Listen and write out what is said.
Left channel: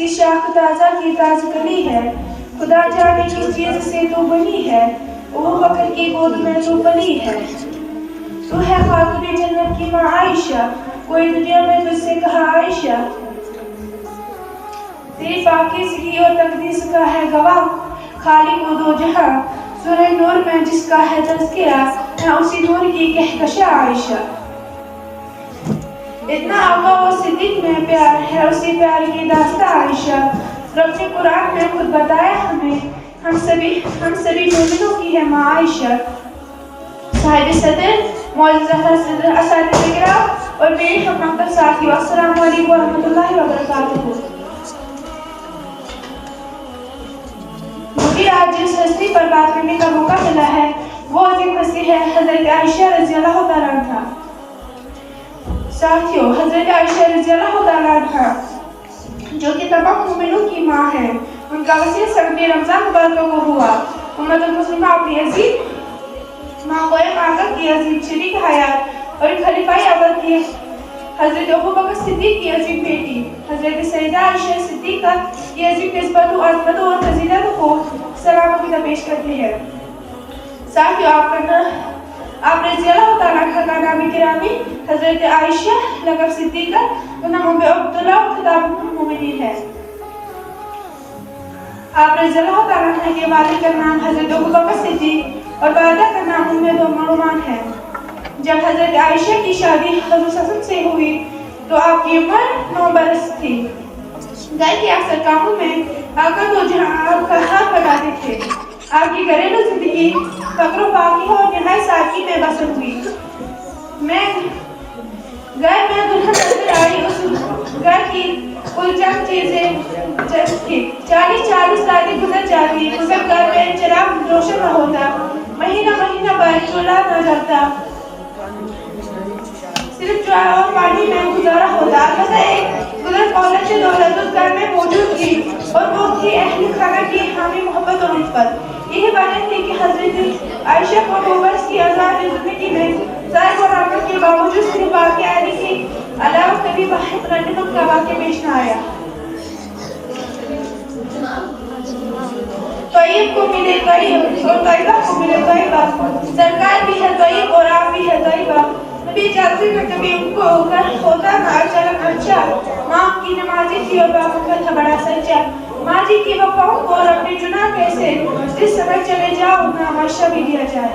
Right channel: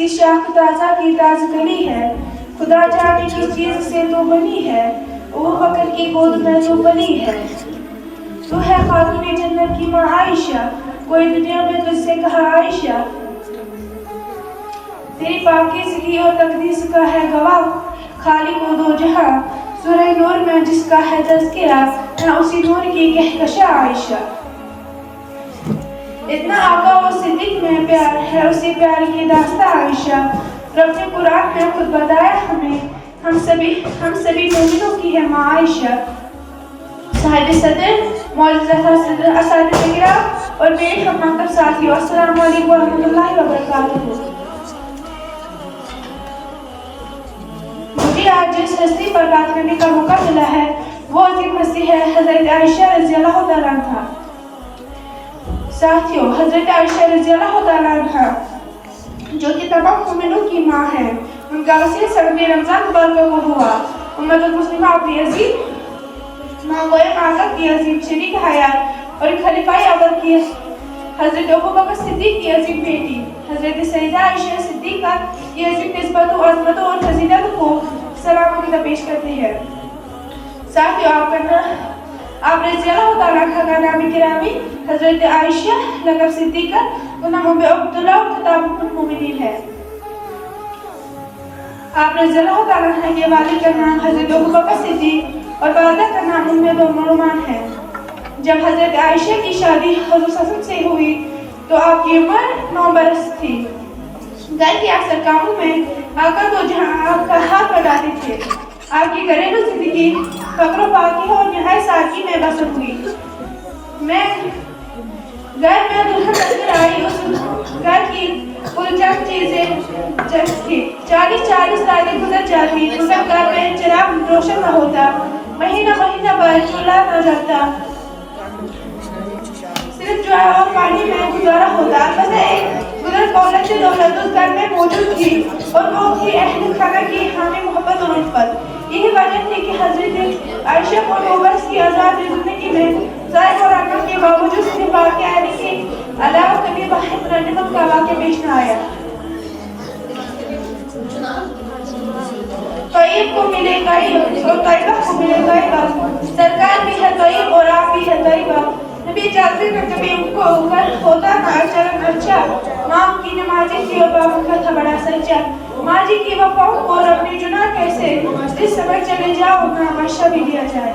किसी शाख ताजा की ताजगनी है, खुदा जाने किस चीज से तो बनी है, अबू बकर की गोद में जो बनी है। तू है खातून जन्नत की माँ आयशा, कोई दुनिया में तुझसे कहा आयशा। तेरी पाकीज़गी और तकदीस का है गवाह खालिक व दो जहां, सूरह नूर में जिसका है तज़किरा, मैं उसी नूर की कहकशा आयशा। इतना आका व सिद्दीक में प्यार है, उसी प्यार की दास्तां आयशा। रब ने कुरान में खुद बताया हमें, हम सभी मोमिनों की है माँ आयशा। साहिब सदर मौलाना सदर असातिज़े किराम और मेरे हम मकतब साथियों, अस्सलामु अलैकुम व रहमतुल्लाहि व बरकातुहू। मुझे आज जिस हस्ती पर बात करने का मौका मिला है वो अजीम हस्ती है हज़रत आयशा रज़ियल्लाहु तआला अन्हा। साथियों, हज़रत आयशा रज़ियल्लाहु तआला अन्हा जो कि तमाम मोमिनों की माँ है, उनका वसीयत सबने रमज़ान मुबारक को हुआ। उम्मतुल मुस्लिमा अपनी अजीम माँ गोए आका की अजीम शरीक हयात और खलीफाए अव्वल की हज़रत अबू बकर सिद्दीक की अजीम बेटी हज़रत सईदा आयशा सिद्दीका की अजीम निस्बत और अज़मत और फजीलत को सलाम अकीदा पेश करते हैं। साथियों, आप रज़ियल्लाहु तआला अन्हा का नाम गिरामी हज़रत आयशा लक़ब सिद्दीका व नाम उम्मे अब्दुल्लाह और खिताब उम्मुल मोमिनीन है। आप रज़ियल्लाहु तआला अन्हा के वालिद का नाम हज़रत अबू बकर सिद्दीक और वालिदा का नाम उम्मे नुमान है। जब हज़रत आयशा की शादी हुज़ूर सल्लल्लाहु से हुई तो आपकी उम्र 9 बरस थी। घर के अक्सर कामों में आका तो जहाँ आपका हाथ लगाते थे। आपकी घरेलू जिंदगी फक्र पाकी और निहायत सादगी में बसर हुई। मैं घर में दुल्हन बनकर आई, उस घर की कुल चंद चीजें थी। 40 रातें गुजर जाती, उस घर में चिराग रोशन न होता, महीना भर चूल्हा न जलता, सिर्फ चाय और पानी में गुजारा होता। बस एक गुजर कौलत से दौलत उस घर में मौजूद थी और वो थी अहले खाना की हामी मोहब्बत और उल्फत। यही वजह थी कि हज़रत आयशा को 9 वर्ष की आज़ाद ज़िंदगी में ज़ायक़ और आमद के बावजूद उसके वाक़े आने के अलावा कभी वाहिद रनिमत का वाक़े पेश न आया। तोयब को मिले तोयब और तोयबा को मिले तोयबा, सरकार भी है तोयब और आप भी है तोयबा। नबी चाहते थे कभी उनको होता ना चलन अच्छा, माँ की नमाज़ी थी और बाप का था बड़ा सच्चा। माँ जी की वफ़ाओं को रब ने चुना कैसे, जिस समय चले जाओ ना माशा भी दिया जाए।